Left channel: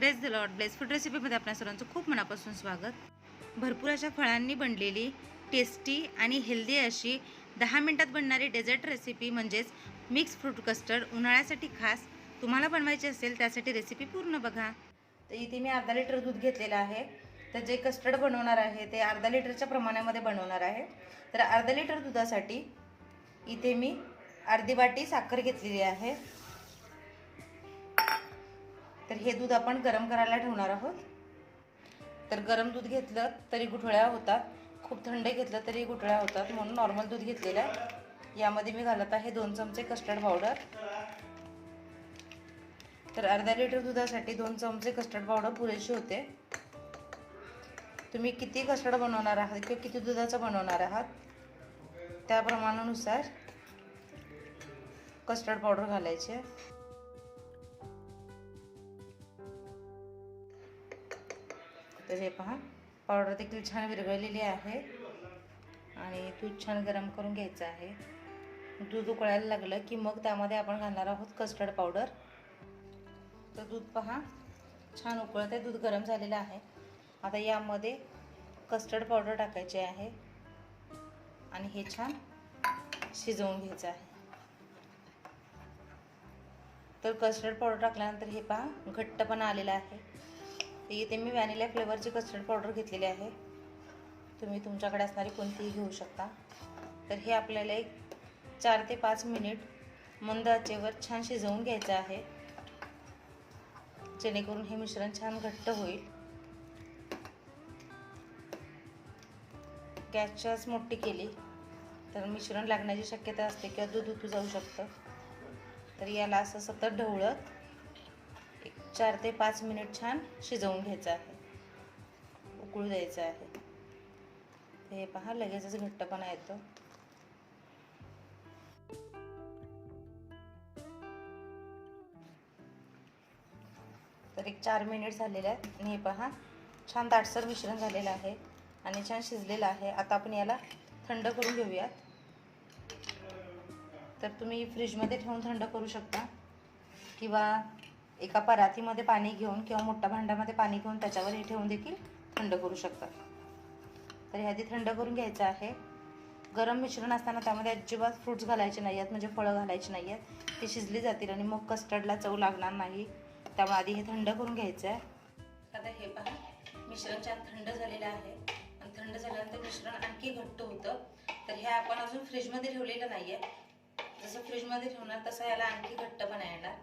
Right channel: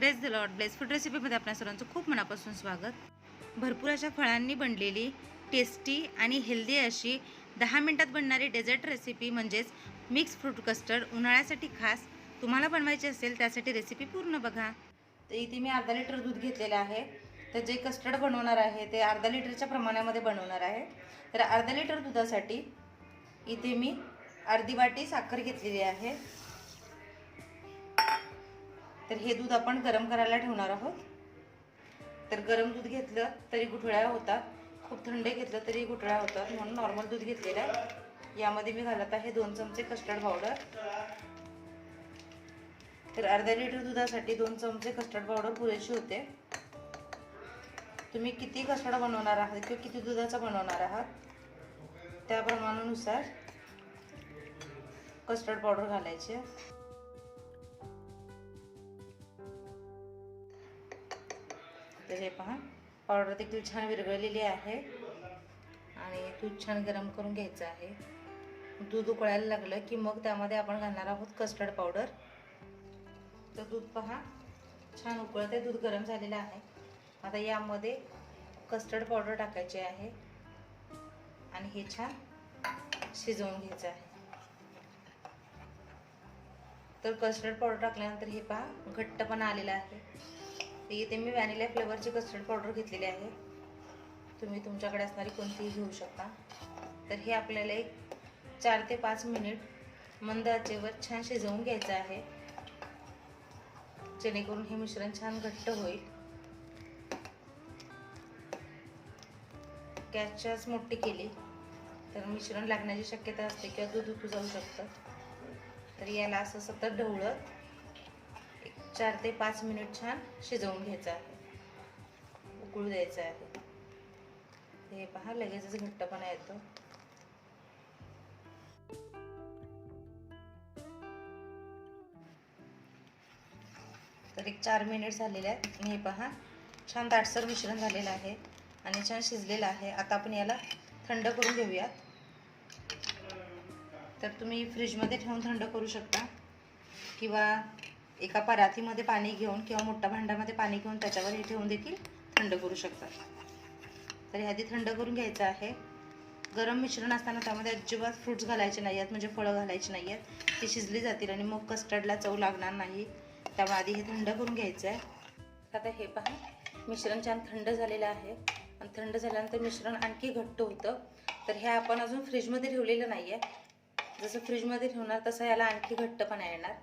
Press the Lord bless food रेसिपीमध्ये आपल्या सर्वांचं खूप मनापासून स्वागत. भरपूर अशा फळांनी बनलेली टेस्टी आणि हेल्दी अशी 10 मिनिटात बनणारी डेझर्ट रेसिपी म्हणजेच मिक्स फ्रूट कस्टर्ड उन्हाळ्यासाठी खास तुम्हाला बनवायची असेल त्यासाठी रेसिपी पूर्ण बघा. तर इथे मी अर्धा लिटर दूध घेतलेलं आहे. तर जे कस्टर्ड बनवणार आहे ते अर्धा लिटरच्या प्रमाणामध्ये बनवणार आहे. तर अर्धा लिटर दुधासाठी इथे मी अर्धी वाटी साखर घेतलेली आहे. तर हे दूध आपण गरम करायला ठेवणार आहोत. तर गरम दूध घेतलं तरी गुठळ्या होतात, खूप थंड घेतलं तरी गुठळ्या होतात, म्हणून नॉर्मल दूध घेतलेलं आहे. यामध्ये मी घालत आहे 2 चमचे कस्टर्ड पावडर. तर अर्धा लिटर दुधासाठी 2 चमचे कस्टर्ड पावडर पुरेशी होते. तुम्ही किती कस्टर्ड बनवणार आहात किंवा किती दुधाचा बनवणार आहात त्या प्रमाणानुसार कस्टर्ड पावडर घालायचे. तर हे पहा, पावडर देखील छान विरघळलेली आहे आणि दूध छान गरम करून घ्यायचं आहे. दूध उकळायला लागलं की मग त्यामध्ये आपण घालणार आहोत कस्टर्ड पावडर. तर दूध पहा छान उकळते, दूध गरम झालेलं आहे. आता यामध्ये कस्टर्ड पावडर टाकायचे आहे आणि हे छान शिजवून घ्यायचं आहे. तर कस्टर्ड पावडर टाकल्यानंतर हे पहा घट्टपणा आलेला आहे. इथे मी व्हॅनिला फ्लेवरची कस्टर्ड पावडर घेतलेली आहे. तुम्ही तुमच्याकडे असणारी कोणतीही घेऊ शकता. तर हे आपल्याला एक 4 ते 5 मिनिट मंद आचेवर छान शिजवून घ्यायचं आहे, जेणेकरून हे मिश्रण छान घट्ट होईल. गॅसची आच मोठी केली तर मिश्रण लागण्याची शक्यता असते किंवा दूध उतू जाऊ शकतं. तर याला असं सतत ढवळत 4 ते 5 मिनिट छान शिजवून घ्यायचं आहे, उकळू द्यायचं आहे. हे पहा लगेचच घट्टपणा येतो. तर एक 4 मिनिट झालेले आहेत आणि हे पहा छान दाटसर मिश्रण झालेलं आहे आणि छान शिजलेलं आहे. आता आपण याला थंड करून घेऊयात. तर तुम्ही फ्रीजमध्ये ठेवून थंड करू शकता किंवा एका परातीमध्ये पाणी घेऊन किंवा मोठ्या भांड्यामध्ये पाणी घेऊन त्याच्यावर हे ठेवून देखील थंड करू शकता. तर हे आधी थंड करून घ्यायचं आहे. गरम मिश्रण असताना त्यामध्ये अजिबात फ्रूट्स घालायचे नाही आहेत, म्हणजे फळं घालायची नाही आहेत. ती शिजली जातील आणि मग कस्टर्डला चव लागणार नाही. त्यामुळे आधी हे थंड करून घ्यायचं आहे. आता हे पहा मिश्रण छान थंड झालेलं आहे आणि थंड झाल्यानंतर मिश्रण आणखी घट्ट होतं. तर हे आपण अजून फ्रीजमध्ये ठेवलेलं नाही आहे. जसं फ्रीजमध्ये ठेवणार तसं याला आणखी घट्टपणा येणार.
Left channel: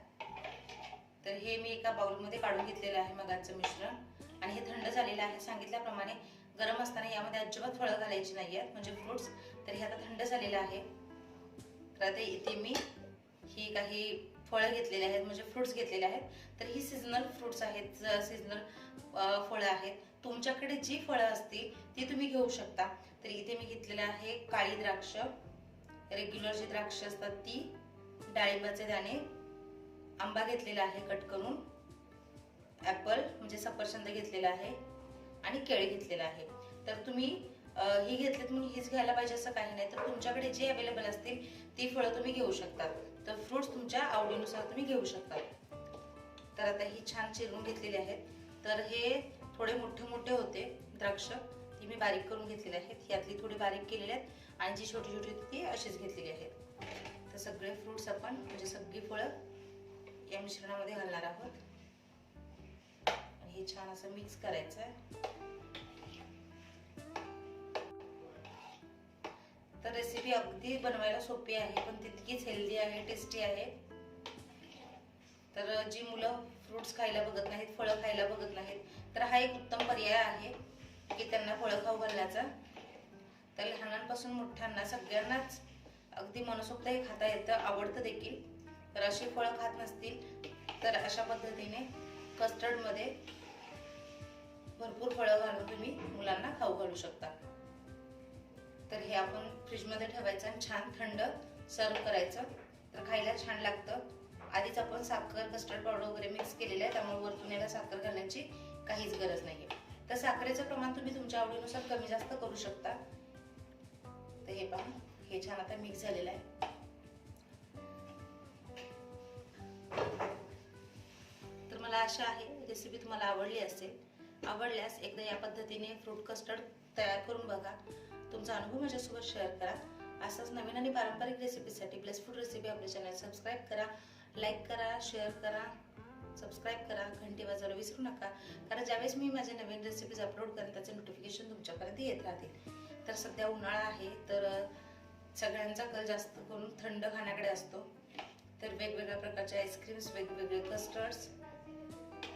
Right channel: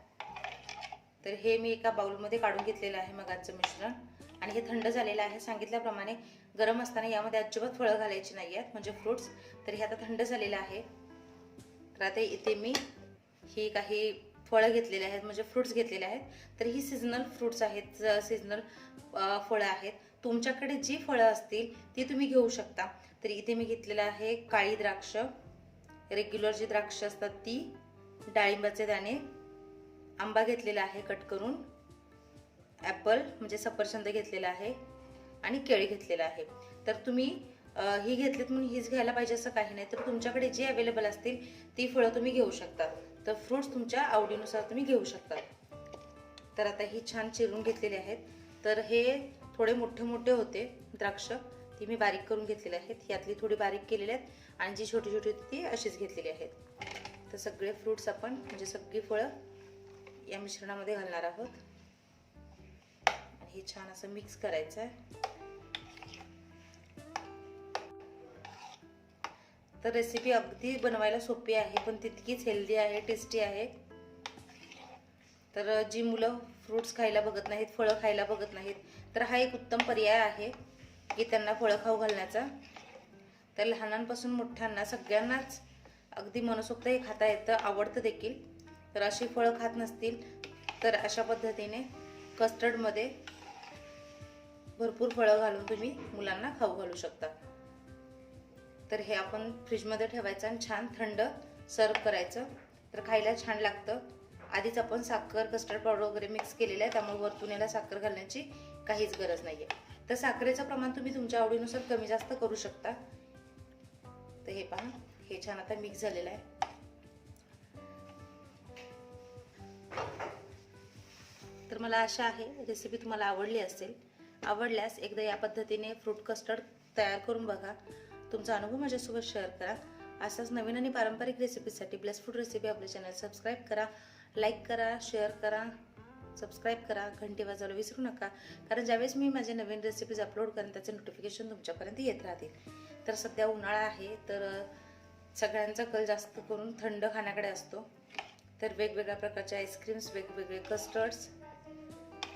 तर हे मी एका बाउलमध्ये काढून घेतलेलं आहे मगाचं मिश्रण आणि हे थंड झालेलं आहे. सांगितल्याप्रमाणे गरम असताना यामध्ये अजिबात फळं घालायची नाही आहेत, म्हणजे फ्रूट्स. तर हे आता थंड झालेलं आहे. तर आता इथे मी ही काही फळं घेतलेली आहेत, म्हणजे फ्रूट्स घेतलेले आहेत. तर ही सीझनल फ्रूट्स आहेत, सीझनल फळं आहेत. तुमच्याकडे जी फळं असतील ती तुम्ही घेऊ शकता. तर इथे मी घेतलेलं आहे काळी द्राक्ष, रेग्युलर जी द्राक्ष असतात ती, डाळिंबाचे दाणे, आंबा घेतलेला आहे कट करून, ॲपल म्हणजे सफरचंद घेतलेला आहे आणि केळी घेतलेला आहे. तर तुम्ही ही घेतलीत म्हणून हीच घ्यायला पाहिजे असं काही नाही. तर तुमच्याकडे जे अवेलेबल असतील ती फळं तुम्ही घेऊ शकता. तर फ्रूट्स तुमच्या आवडीनुसार तुम्ही घेऊ शकता. तर आता ही छान चिरून घेतलेली आहेत. तर हे थोडे मोठे मोठे होते द्राक्ष, ती मी बारीक करून घेतलेले आहेत. यातली थोडी बारीक केलेली आहेत आणि जी छोटी छोटी होती ती अशीच घेतलेली आहेत. तर सगळे फ्रूट्स आपण म्हणजे सगळी फळं या मिश्रणामध्ये घालणार आहोत आणि हे छान असं मिक्स करायचं आहे. तर रेसिपी अगदी बनवायला सोपी आहे पण तितकीच हेल्दी आहे, टेस्टी आहे. तर जी मुलं फ्रूट्स खायला बघत नाहीत, फळं खायला बघत नाहीत, तर हा एक उत्तम पर्याय आहे की त्यांना फळं खाऊ घालण्याचा. तर लहानांपासून मोठ्यांना सगळ्यांनाच अगदी मनसोक्त हे खाता येतं, आवडतं देखील. तर अशी फळं खात नसतील तर अशा पद्धतीने कस्टर्डमध्ये भरपूर फळं घालून तुम्ही मुलांना खाऊ घालू शकता. तर हे आपण फ्रीजमध्ये ठेवायचं आणि छान थंड सर्व करायचं. तर खायला छान लागतं. आधीच आपण साखर, कस्टर्ड पावडर वगैरे मिक्स केलेलं आहे, त्यामुळे वरतून याला साखर घालण्याची काहीच गरज नाही आहे. तर साखरेचं प्रमाण तुम्ही तुमच्या आवडीनुसार कमी जास्त करू शकता. तर हे पहा हे छान आता मिक्स झालेलं आहे. तर मला आशा आहे रेसिपी तुम्हाला आवडली असेल. आवडल्यास एकदा या पद्धतीने फ्रूट कस्टर्ड तयार करून बघा. तुमचा अनुभव माझ्यासोबत शेअर करा. असाच नवीन आणि पारंपरिक रेसिपीसाठी ब्लेस फूड रेसिपी आपल्या चॅनल सबस्क्राईब करा, लाईक करा, शेअर करा, सबस्क्राईब करा, घंटी वाजवायला विसरू नका. कारण ज्यावेळेस मी माझे नवीन रेसिपीज अपलोड करेन त्याचे नोटिफिकेशन तुमच्यापर्यंत येत राहतील. तर सध्या उन्हाळा आहे, तर सगळ्यांचा कल जास्त करून थंड खाण्याकडे असतो. तर वेगवेगळ्या प्रकारचे आईस्क्रीम्स, वेगवेगळे कस्टर्ड्स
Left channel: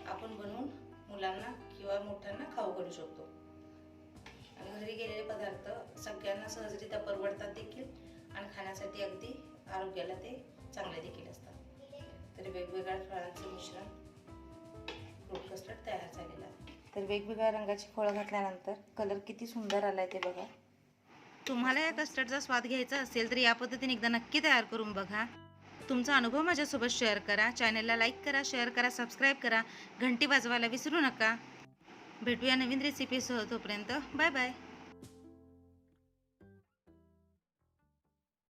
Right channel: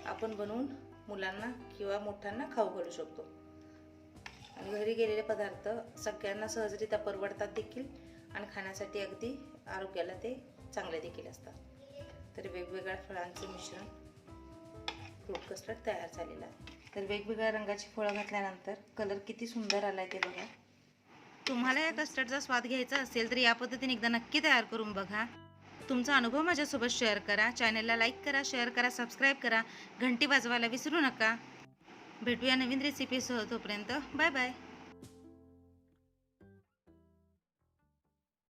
आपण बनवून मुलांना किंवा मोठ्यांना खाऊ घालू शकतो. आणि घरी गेलेले पदार्थ सगळ्यांना सहजरित्या परवडतात देखील आणि खाण्यासाठी अगदी आरोग्याला ते चांगले देखील असतात. तर वेगवेगळ्या फळांचे मिश्रण फ्रूट कस्टर्ड तयार झालेलं आहे. तर वेगवेगळ्या रंगाची फळं घातल्यानंतर कलर किती सुंदर आलाय ते बघा. तुम्हाला या कस्टर्डचा स्वाद घ्यायचा असेल तर या पद्धतीने एकदा नक्की तयार करून बघा. तुमचा अनुभव माझ्यासोबत शेअर करा. चॅनलला लाईक करा, शेअर करा, सबस्क्राईब करा, घंटी वाजवायला विसरू नका. भेटूया नवीन रेसिपीसह. तोपर्यंत बाय बाय.